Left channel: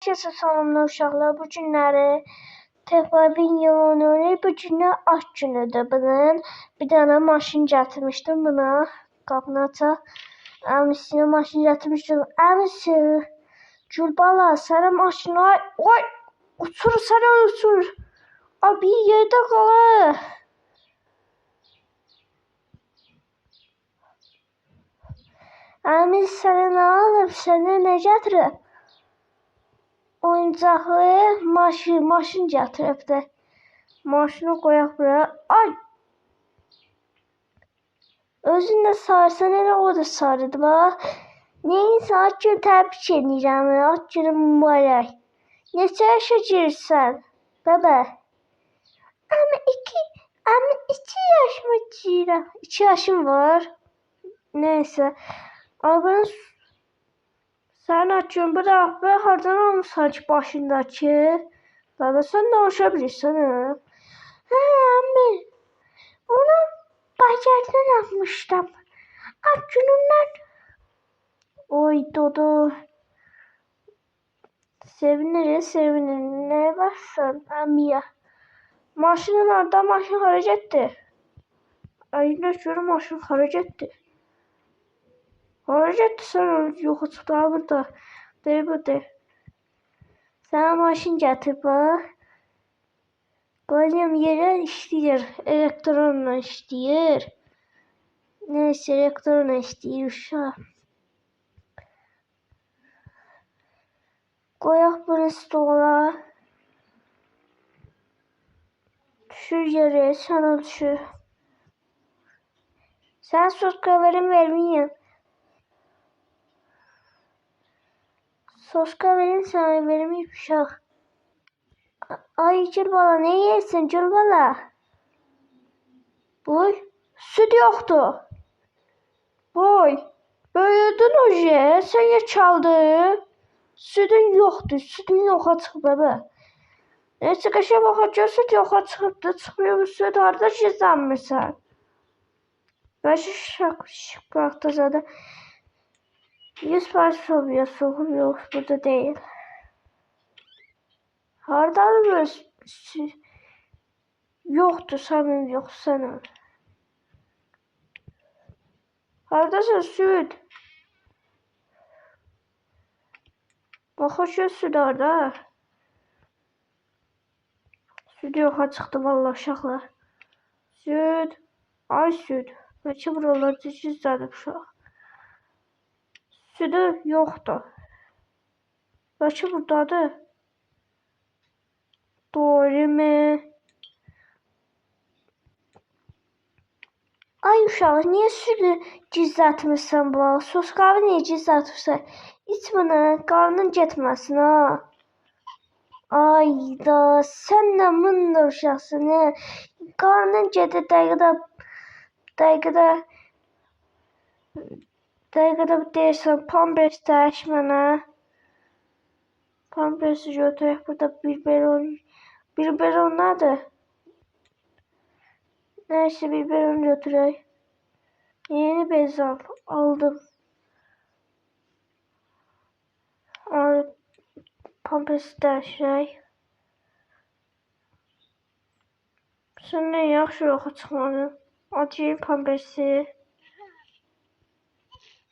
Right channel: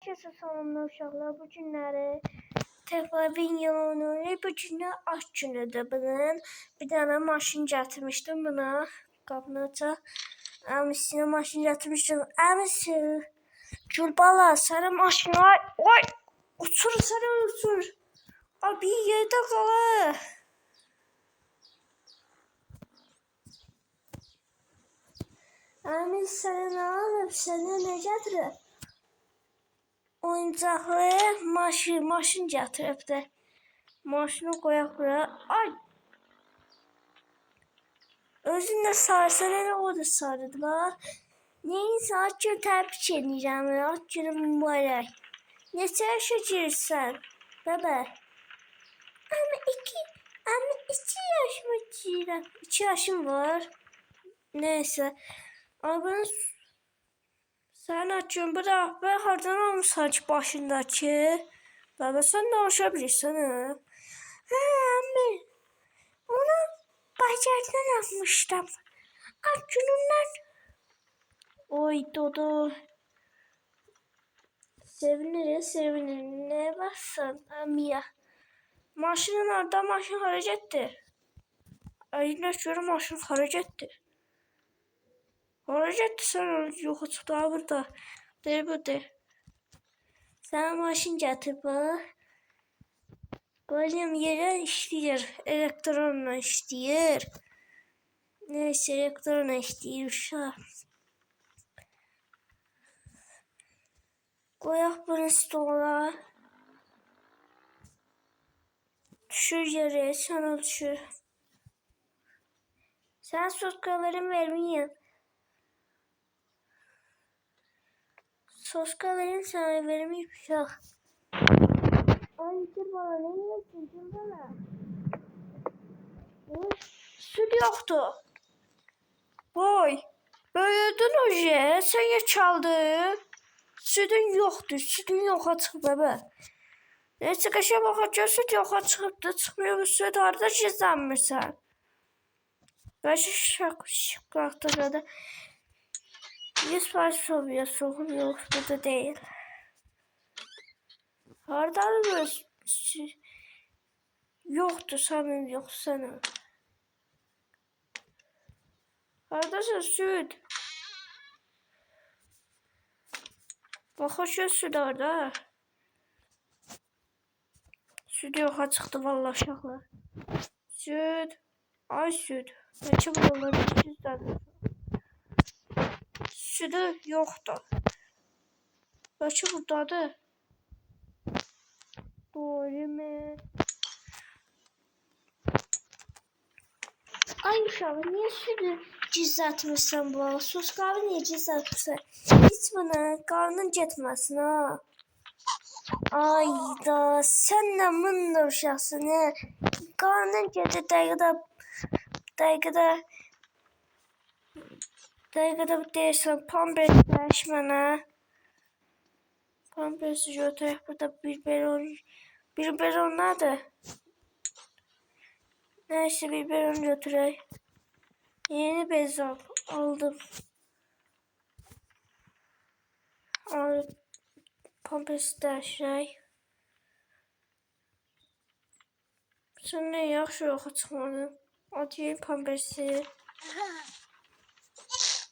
Herkese selamlar uşaqlar. Bu günləri Tehlavin yolunu, bu günü aç günüdür bunun. Bir dənə maşın gətirmişdim buna. Qapını açaq. Əmisinə maşın gətirmişdim. Əmisi, Gülbala, sənə maşına... Oy! Uçur, sənə uçur. Abi, yerdə qalır. Əmis, sənə nə alıb? Sənə nə gətirib? Oyuncaqlı maşın gətiribdi. Maşını qoyaq buraya. Ay! Özün də sarsan elə o da sarıdı bax. Neyse ad günü təbrik edirəm. Ad günü mübarək. Neçə yaşa girirsən? Bəbə. Ama iki yaş mı girirəm? 2 yaşım var. Neyse. Abi sen açıyorsun bırak ben hardan almışsın ki başındaki. Baba sen de hoşabilirsin ha. Ha anne. Onu bazardan almıştım. Açınımdan. Oy Dodo. Seviniriz. Ne varsan amiya. Maşının orada maşın harcattı. Aynen şöyle maşın harcattı. Harcattı sen yok çıktı burada. De burada. Sen maşın getir bak. Koyayım yere işleyir. Elektronla işleyir. Neyse elektronla işleyir uşaq. Koyaq bunu stola. Düşür yere sana düşür. Sen sos kaverim vermeyin. Sos kaverim sana vermeyip uşaq. Ay Gülbala ne yersin Gülbala? Boy süt yoktu. Boy böyüdün oje sen ya çaldı. Sütün yoktu. Sütün yoxa çıxıb baba. Neyse kaşa bakacağız süt yoxa çıxıbdı. Çıxmıyor bu süt harda gizlənmirsən. Bəşi şıqaqda 100% soğuyor. Soğuk yok burada değil. Hardadır bu yoktu sanırım yok sana. Hardasın süt? Bakışıyor süt orada. Süt yoxa çıxdı vallahi uşaqlar. Süt. Ay süt. Bəlkə buralar düzüzdədir uşaq. Sütü yoxdur. Bəlkə buradadır. Doğru mu? Ay uşaq, niyə sütü gizlətmirsən bu? Sos qabı niyə gizlətmirsən? Hiç buna qarnın getməsin ha. Ay da sən nə mındır uşaqsın ha. Qarnın gedir dəqiqədə deyirsən pampers dəş mənə. Pampersi götürək burada biberon nədir? Neyse biberon götürək. Yeni bez aldım. Pampersi dəyişək. Sonra yaxşı yoxa çıxmadı. Atayım pampersi.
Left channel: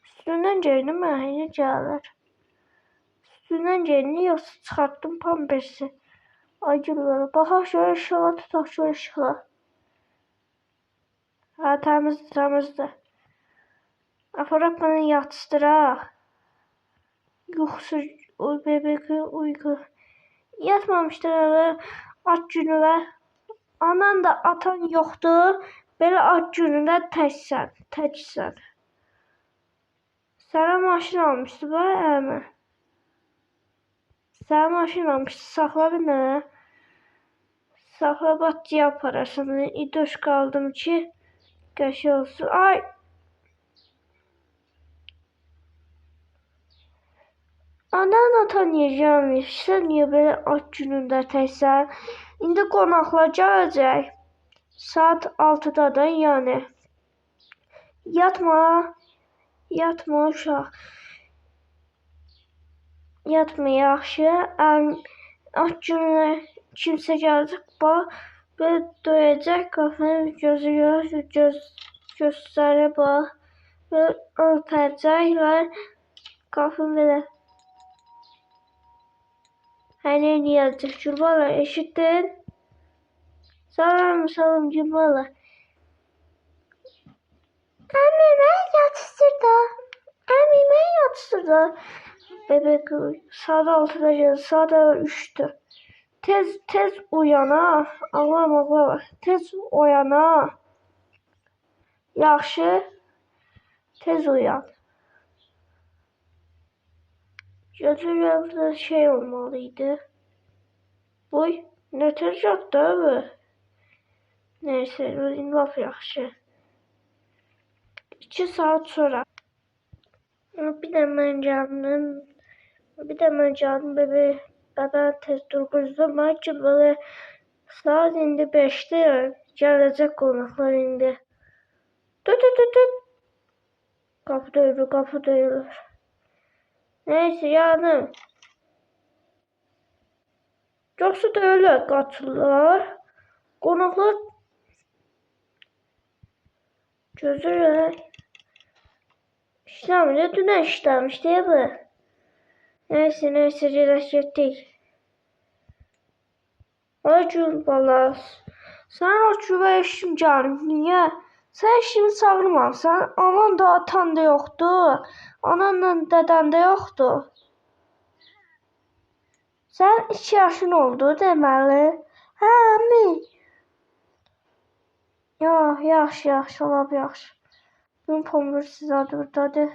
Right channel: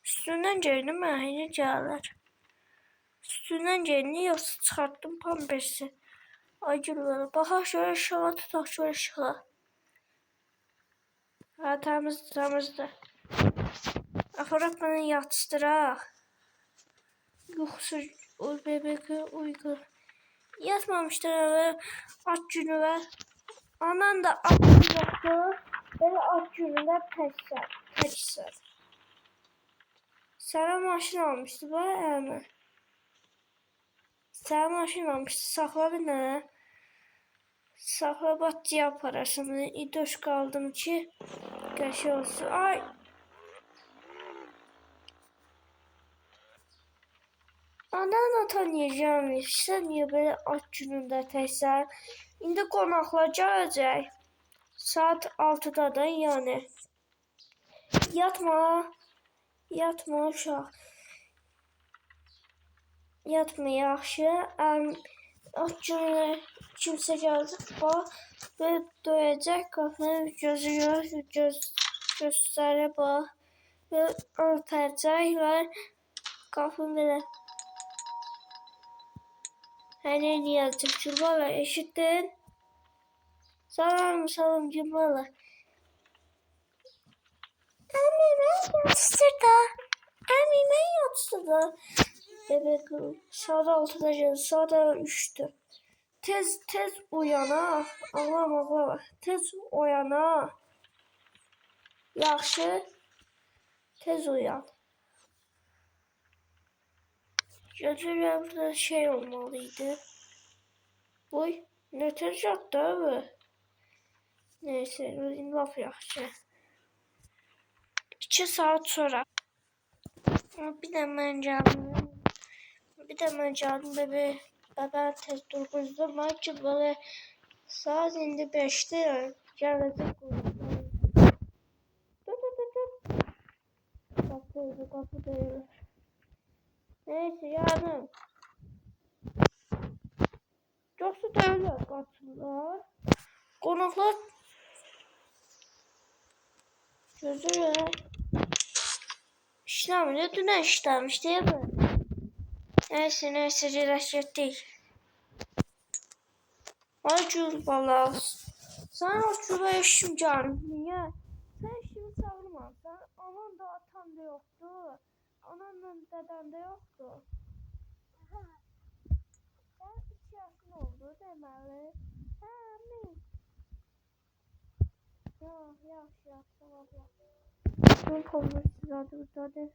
Üstündən gəlin mənə gəlir. Üstündən gəlin yoxsa çıxartdım pampersi. Ay Gülbala baxaq şöyle işığa tutaq şöyle işığa. Ha təmizdir. Aparaq bunu yatışdıraq. Yoxsa o bebek uyku. Yatmamışdır eve ad günü var. Anan da atam yoxdur. Belə ad günündə təksən. Sənə maşın almışdı bu əmi. Sənə maşın almışdı. Saxla bir nə? Saxla batçıya apararsan. İdoş qaldım ki qəşi olsun. Ay! Anan tanıyacağım. Sən niyə belə ad günündə təksən? İndi qonaqlar gələcək. Saat 6-dadır yəni. Yatma uşaq. yatma yaxşı. Aç günə kimsə gələcək bax və döyəcək qapını gözləri bax və örtəcək və qapını belə hələ niyəcək Gülbala eşitdin? Salam Gülbala. Əmi mən yatışdırdı. Əmi mən yatışdırdı. Bebek saat 6'da geldi. Saat 3'tü. Tez uyana. Ağlama. Tez uyana. Yaxşı. Tez uyan. Gözümde şey olmalıydı. Uy. Ne tez yattı abi. Neyse. Laf yaxşı. 2 saat sonra. Bir de ben geldim. Bebe tez durguzdum. Belki böyle saat indi 5'te gelecek konuklar indi. Tut. Kapı duyulur. Neyse yardım. Yoksa da öyle katılırlar. Konuklar gözüyle işlemedi. Dün işlemiş değil mi? Neyse relaşettik. Ay Gülbala. Sen o çuva işim canım. Niye? Sen işimi çağırmamsan. Anan da atan da yoktu. Ananla deden de yoktu. Sen 2 yaşın oldu deməli. Hə mi? Yaxşı, olab yaxşı. Gün pomur sizə buradadır.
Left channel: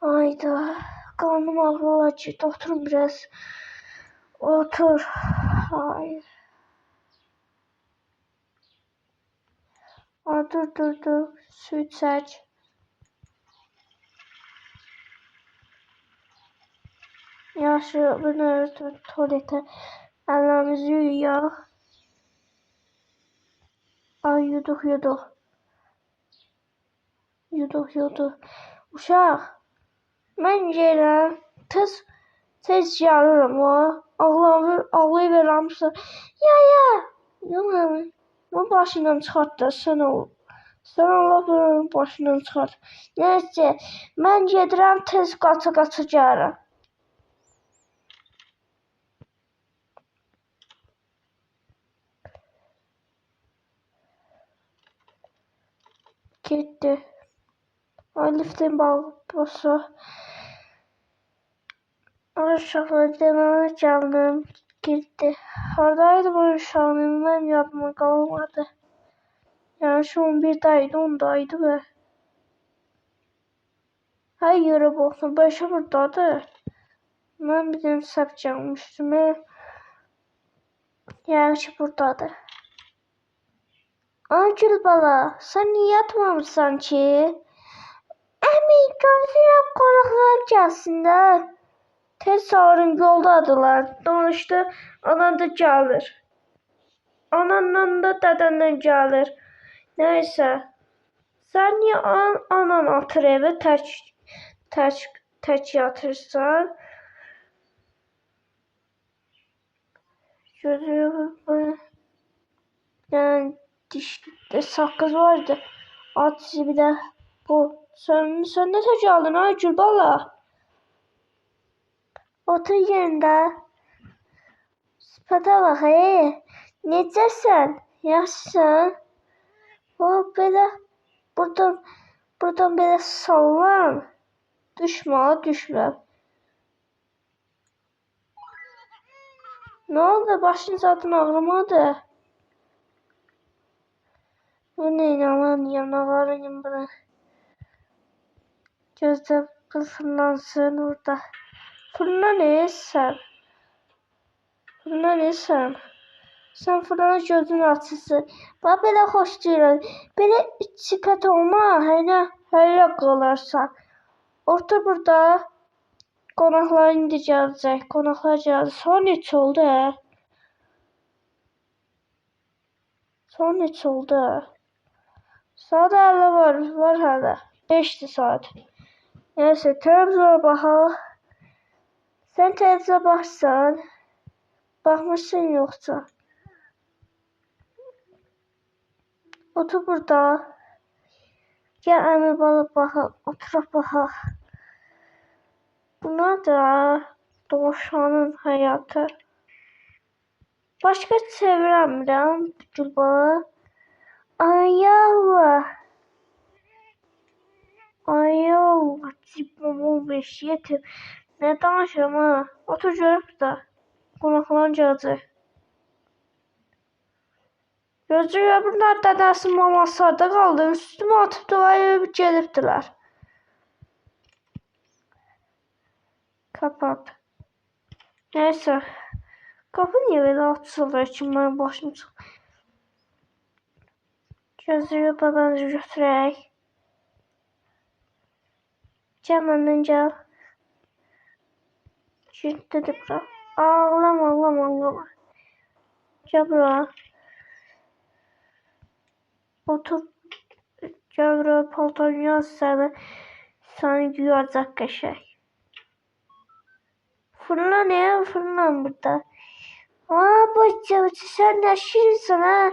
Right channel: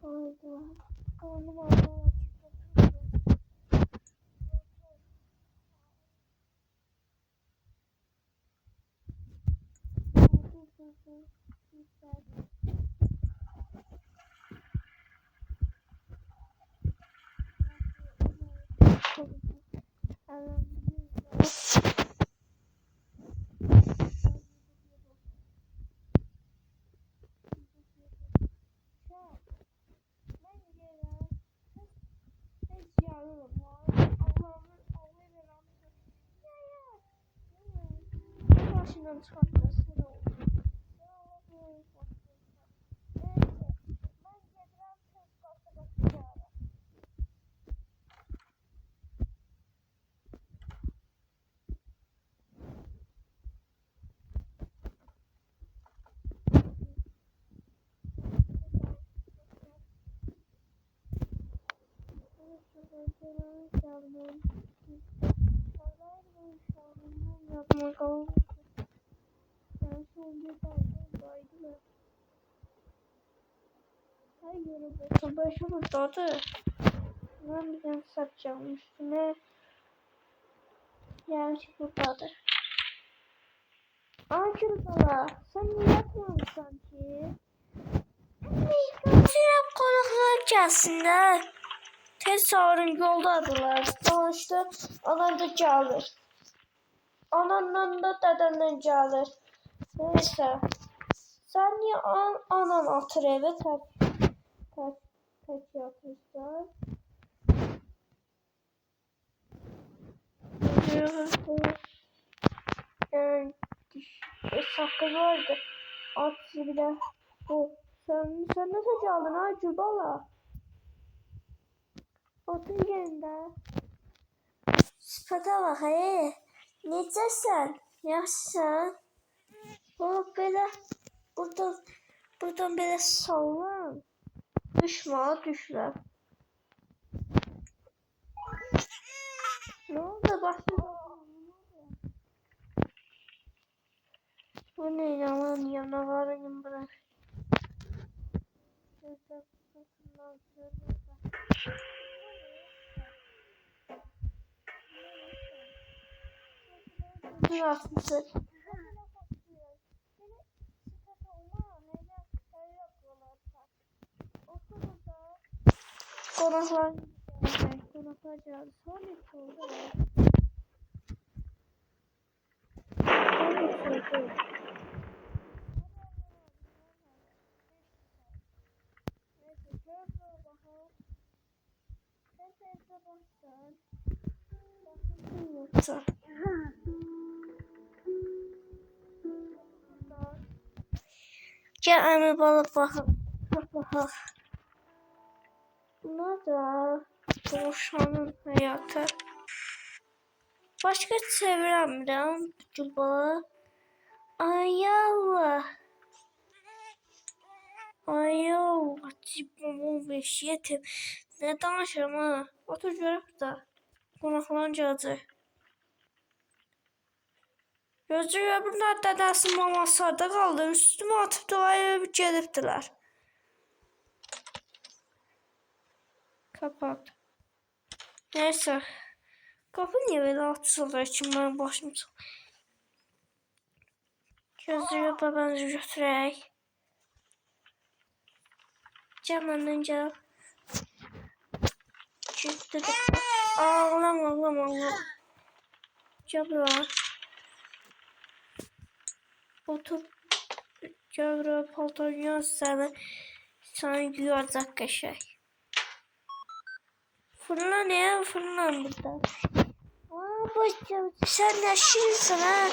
Ayda. Karnım ağrıyor. Otur biraz. Otur. Hayır. Dur. Su içək. Yaxşı, bunu örtüb tualetə. Əllərimizi yuyaq. Ay, yuduq. Uşaq, mən gələm. Tez gəlirəm. Ağlayı verəmsən. Ya. Yox, bu başından çıxart da sən ol. Sən Allah'ın başından çıxart. Neyse, mən gedirəm tez qaça gəlirəm. Gitti. Ay liftin bağlısı. Uşaqlar deməyə gəldim. Gitti. Haradaydı bu uşağın? Mən yadıma qalmadı. Yani şu 11'daydı, 10'daydı be. Her yere baktım. 5'e buradadır. Ben bir tane sapacağım üstüme. Yani ki buradadır. Gülbala, sen niye yatmamışsan ki? Əmi, gözləyirəm qonaqlar gəlsinlər. Tez çağırın, yoldadılar. Danışdı, anan da gəlir. Ananla da dədəndən gəlir. Neyse. Sen niye anan atır eve tek yatırsan? Yani dişte sakız vardı. At bir de bu. Sen ne tek aldın ha Gülbala? Otur yerinde. Sıfata bak hey. Necəsən? Yaxşısan? O böyle buradan böyle sallan. Düşme. Ne oldu? Başın zaten ağrımadı. Bu ne lan yanavarıyım bırak. Gözde fırlansın orada. Fırla ne sen? Sen fırlana gözün açılsın. Bana böyle hoş değil. Böyle çıkat olma. Hele kalarsan. Orta burada. Konaklar indi gələcək. Konaklar gəldi. Son neçə oldu hə? Son neçə oldu hə? Saat hələ var hələ. 5'ti saat. Neyse televizora baxaq. Sen televizyona baxsan, baxmışsın yoxsa? Otur burada. Gel əmi balıq baxaq, oturaq baxaq. Bunlar da dovşanın həyatı. Başqa çevirəmirəm Gülbalı. Ay Allah. Ay Allah. Cibamın beşiyetim. Ne danışıram ha? Otur görüb də. Qonaqların gələcək. Gözlüyə bunlar dədəsinin maması harda qaldı? Üstümə atıp dolayıb gedibdilər. Kapat. Neyse. Kapı niye böyle açılır için ben başım çıxır. Gözlüyə babanızı götürək. Gel məndən gel. Dedik də. Ağlama. Gel bura. Otur. Gel bura paltarını yaz səni. Səni yuyacaq qəşəng. Fırla ne? Fırla burada. Aa bacım sen ne şirinsin ha?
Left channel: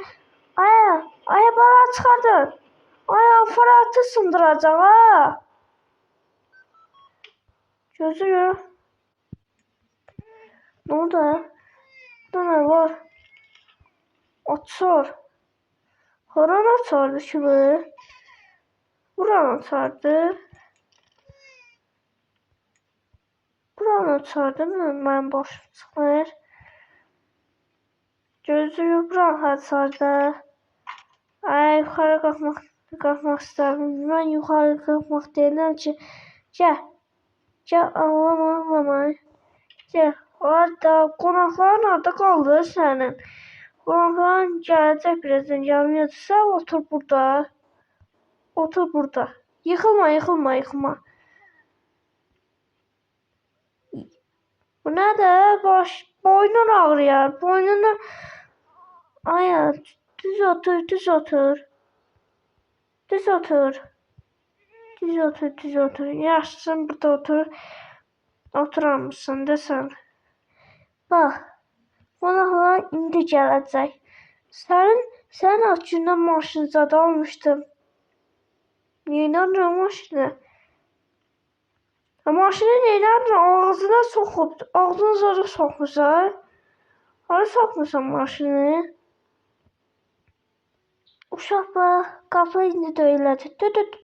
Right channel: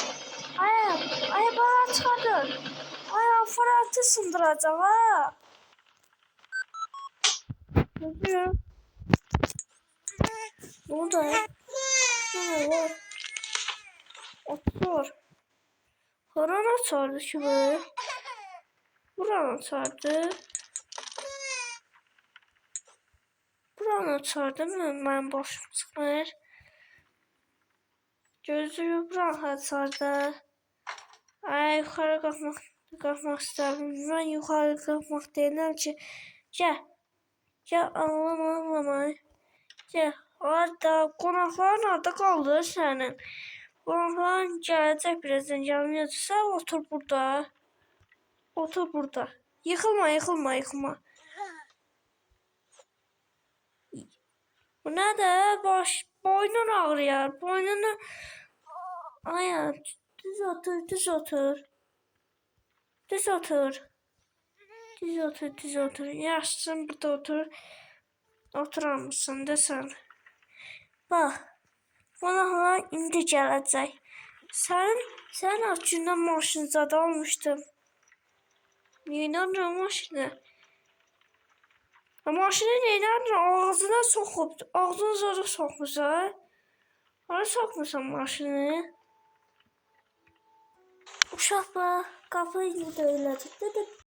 Aya bana çıkardın. Aya Fırat'ı sındıracak ha. Gözünü. Ne oldu? Ne var? Otur. Horon açardı şimdi. Buranı açardı. Buranı açardı mı? Ben başım çıxır. Gözünü buranı açardı. Ay yukarı kalkmak istedim. Ben yukarı kalkmak değilim ki. Gel ağlama. Gel. Orada qonaqların orada qaldı sənin. Qonaqların gələcək birazdan gəlməyəcəksə otur burada. Otur burada. Yıkılma. Bu nədir? Boynun ağrıyar. Boynunu... Aya düz otur. Yaşsın burada otur. Oturamısın desən. Bax. Qonaqlar indi gələcək. Sənin açından maşın zad almışdım. Neynədin maşını? Maşını neynədin? Ağzına soxub. Ağzını zoru soxmuşsan. Hara soxmuşsan maşını? Uşaq bax. Qapı indi döyülədi.